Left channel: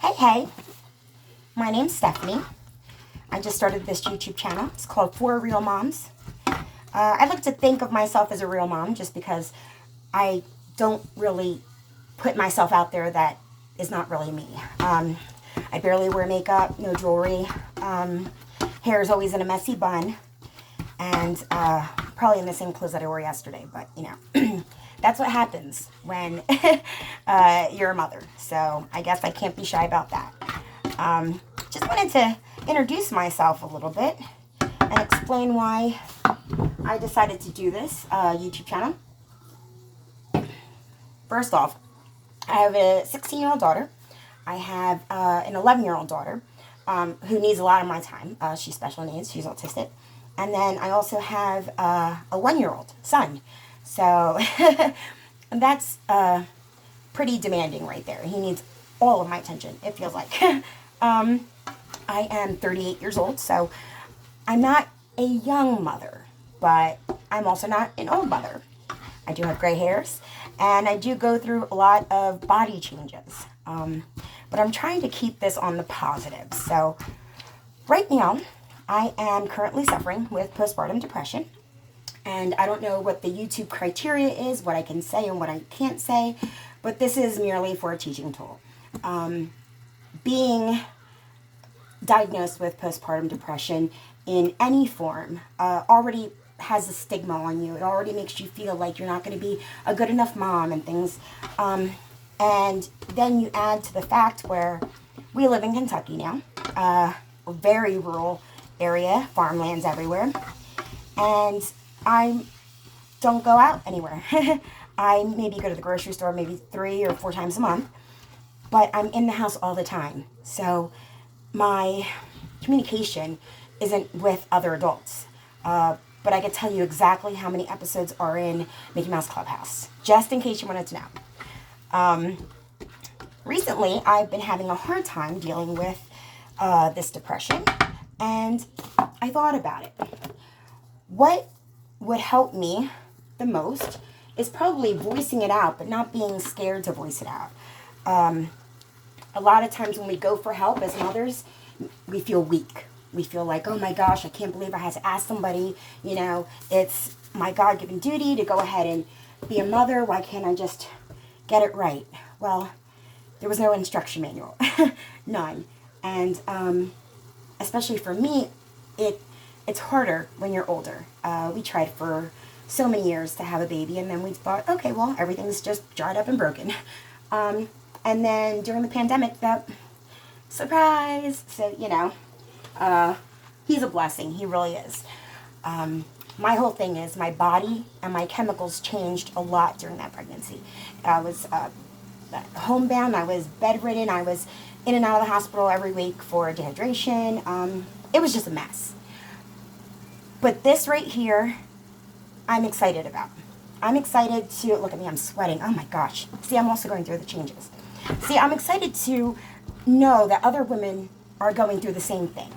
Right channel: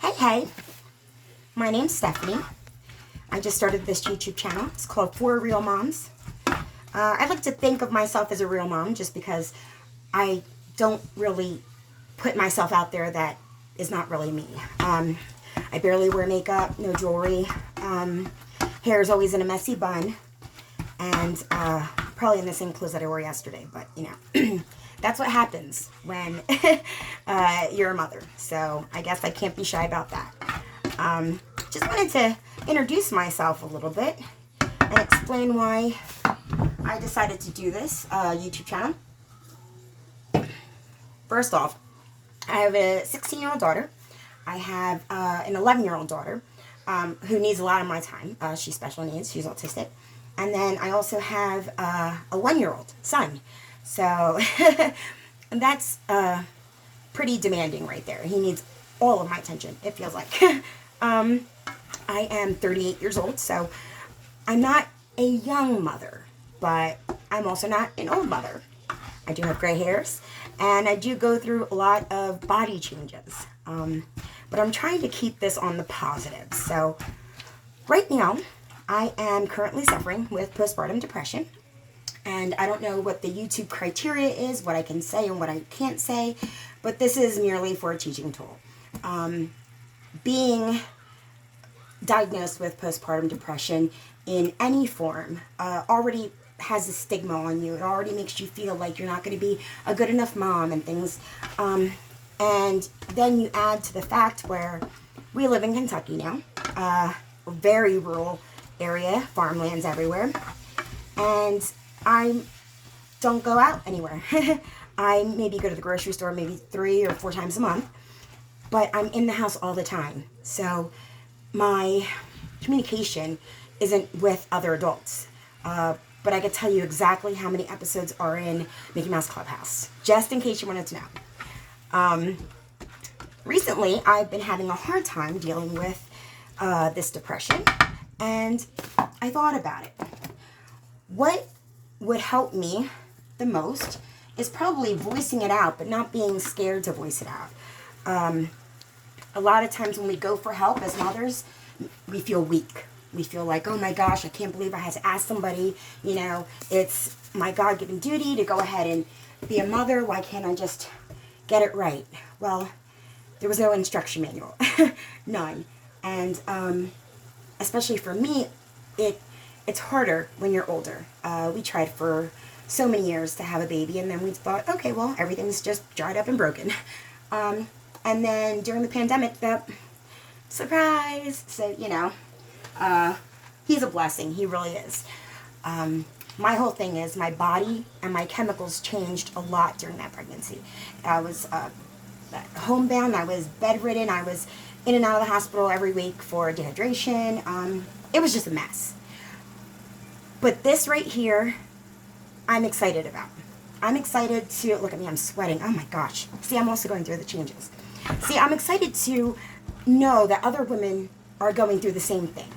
Hey, my name's Stephanie. I just started this YouTube channel. It's called For Real Moms. I like to think of myself as a real mom just because I don't really put myself out there that is not really me. I barely wear makeup, no jewelry. Hair is always in a messy bun. And probably in the same clothes that I wore yesterday. But, you know, that's what happens when you're a mother. So I guess I can't be shy about that. Just wanted to introduce myself a little bit and explain why I decided to do this YouTube channel. First off, I have a 16-year-old daughter. I have an 11-year-old daughter who needs a lot of my time. She's special needs. She's autistic. And then I also have a 1-year-old son. So that's pretty demanding right there. He needs all of my attention, it feels like. I am 38 years old, so I'm not a young mother, but I'm also not an old mother. I do have gray hairs, and I do go through a lot of body changes. But I'm trying to keep this on the positive. So right now, I am currently suffering with postpartum depression. And I don't know what the YouTube criteria is, what I can say and what I can't say, but this is merely for a teaching tool. Being diagnosed with postpartum depression in any form already has a stigma on you. It already makes you feel like you're not going to be a good enough mom and things. And then you add to the fact where we live in Kentucky now, a very rural area, farmlands everywhere, and I don't go out anywhere. I maybe go to the grocery store maybe 3 or 4 times a month, but I'm in the house all the time. So my communication isn't with other adults. But I could tell you exactly how many episodes are in Mickey Mouse Clubhouse, just in case you wanted to know. Recently, I've been having a hard time dealing with this depression, and I thought about it. What would help me the most is probably voicing it out, but not being scared to voice it out. A lot of times when we go for help as mothers, we feel weak. We feel like, oh my gosh, I can't believe I had to ask somebody. You know, it's my God-given duty to go ahead and be a mother. Why can't I just get it right? Well, there was no instruction manual. None. And especially for me, it's harder when you're older. We tried for so many years to have a baby, and then we thought, okay, well, everything's just dried up and broken. And then during the pandemic, that surprise. So, you know, he's a blessing. He really is. My whole thing is my body and my chemicals changed a lot during that pregnancy. I was homebound. I was bedridden. I was in and out of the hospital every week for dehydration. It was just a mess. But this right here, I'm excited about. I'm excited to, look at me, I'm sweating. Oh my gosh. See, I'm also going through the changes. See, I'm excited to know that other women are going through the same thing.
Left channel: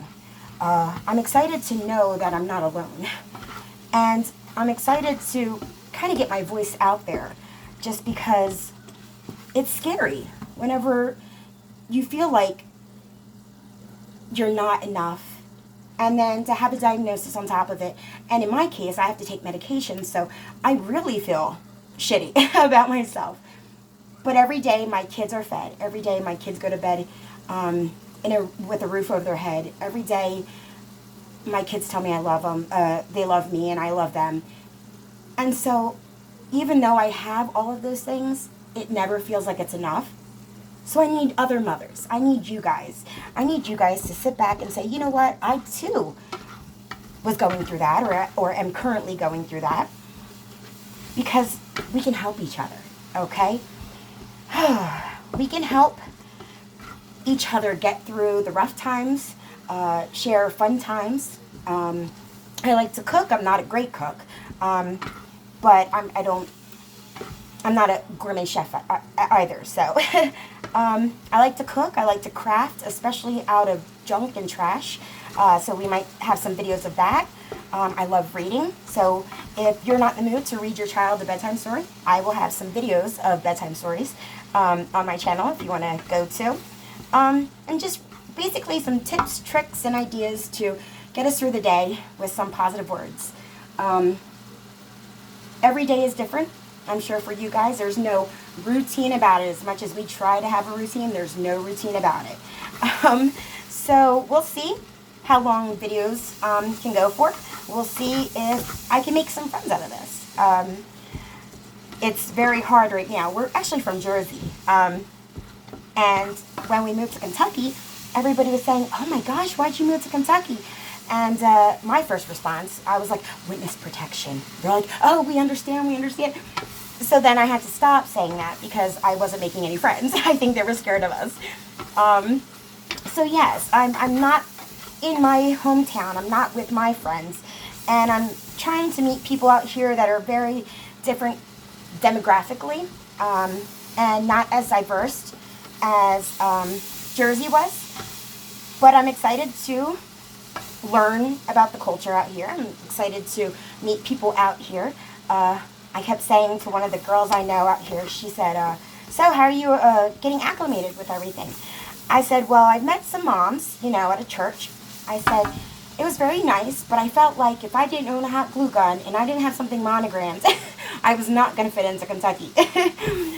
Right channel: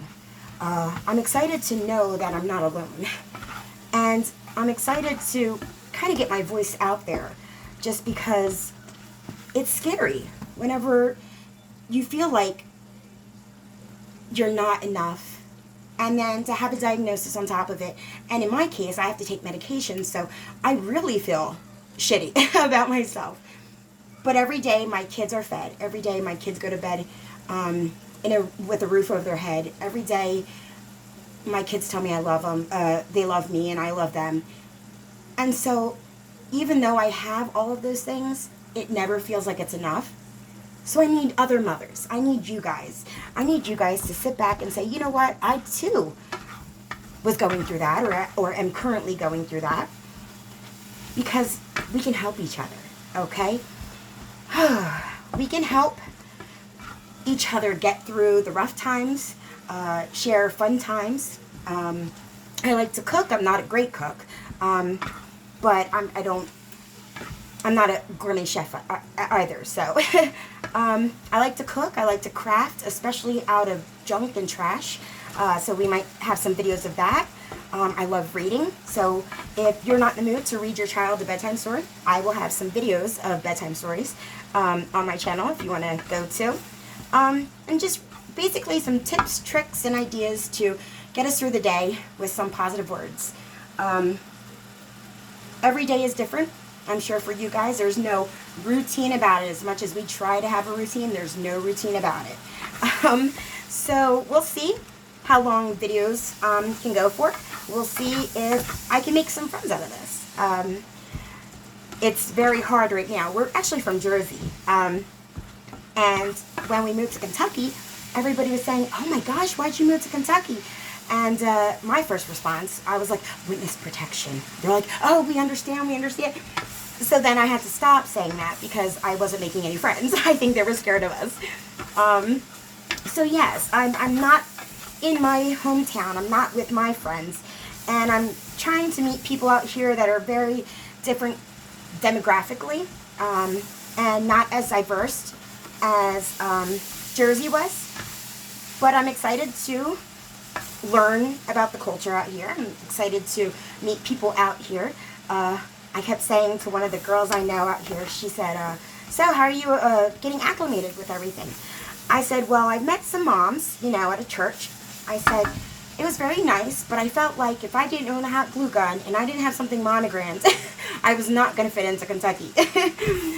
I'm excited to know that I'm not alone. And I'm excited to kind of get my voice out there just because it's scary whenever you feel like you're not enough. And then to have a diagnosis on top of it. And in my case, I have to take medication, so I really feel shitty about myself. But every day my kids are fed. Every day my kids go to bed with a roof over their head. Every day my kids tell me I love them. They love me and I love them. And so even though I have all of those things, it never feels like it's enough. So I need other mothers. I need you guys. I need you guys to sit back and say, you know what? I too was going through that or am currently going through that. Because we can help each other, okay? We can help each other get through the rough times, share fun times. I like to cook. I'm not a great cook, but I'm not a gourmet chef either. So I like to cook. I like to craft, especially out of junk and trash. So we might have some videos of that. I love reading. So if you're not in the mood to read your child a bedtime story, I will have some videos of bedtime stories on my channel if you want to go to. and just basically some tips, tricks, and ideas to get us through the day with some positive words. Every day is different. I'm sure for you guys, there's no routine about it. As much as we try to have a routine, there's no routine about it. So we'll see how long videos can go for. We'll see if I can make some friends out of this. It's very hard right now. We're actually from Jersey. And when we moved to Kentucky, everybody was saying, oh my gosh, why'd you move to Kentucky? And my first response, I was like, witness protection. They're like, oh, we understand, we understand. So then I had to stop saying that because I wasn't making any friends. I think they were scared of us. So yes, I'm not in my hometown. I'm not with my friends. And I'm trying to meet people out here that are very different demographically and not as diverse as Jersey was. But I'm excited to learn about the culture out here. I'm excited to meet people out here. I kept saying to one of the girls I know out here, she said, so how are you getting acclimated with everything? I said, well, I've met some moms, at a church. I said, it was very nice, but I felt like if I didn't own a hot glue gun and I didn't have something monogrammed, I was not going to fit into Kentucky.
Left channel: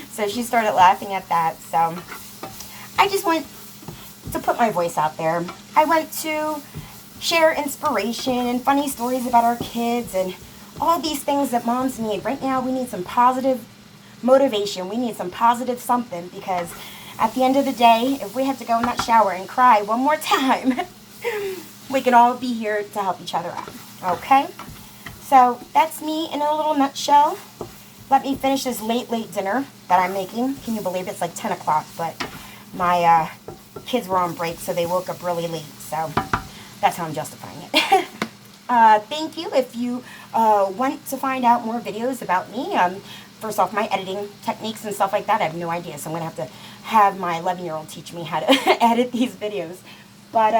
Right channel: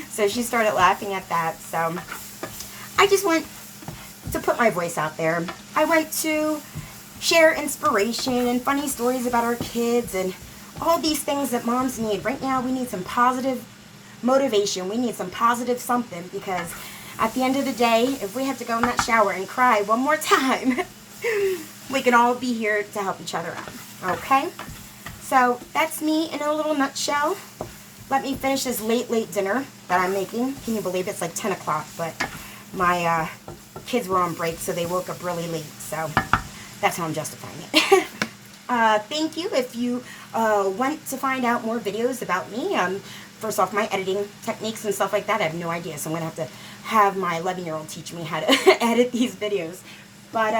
So she started laughing at that. So I just want to put my voice out there. I want to share inspiration and funny stories about our kids and all these things that moms need. Right now, we need some positive motivation. We need some positive something, because at the end of the day, if we have to go in that shower and cry one more time, we can all be here to help each other out. Okay? So that's me in a little nutshell. Let me finish this late dinner that I'm making. Can you believe it? It's like 10 o'clock, but my kids were on break, so they woke up really late. So that's how I'm justifying it. Thank you. If you want to find out more videos about me, first off, my editing techniques and stuff like that, I have no idea. So I'm going to have my 11-year-old teach me how to edit these videos. But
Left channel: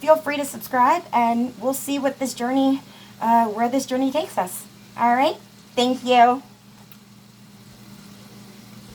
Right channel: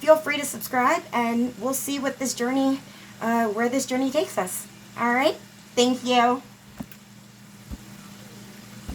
feel free to subscribe, and we'll see what this journey, where this journey takes us. All right? Thank you.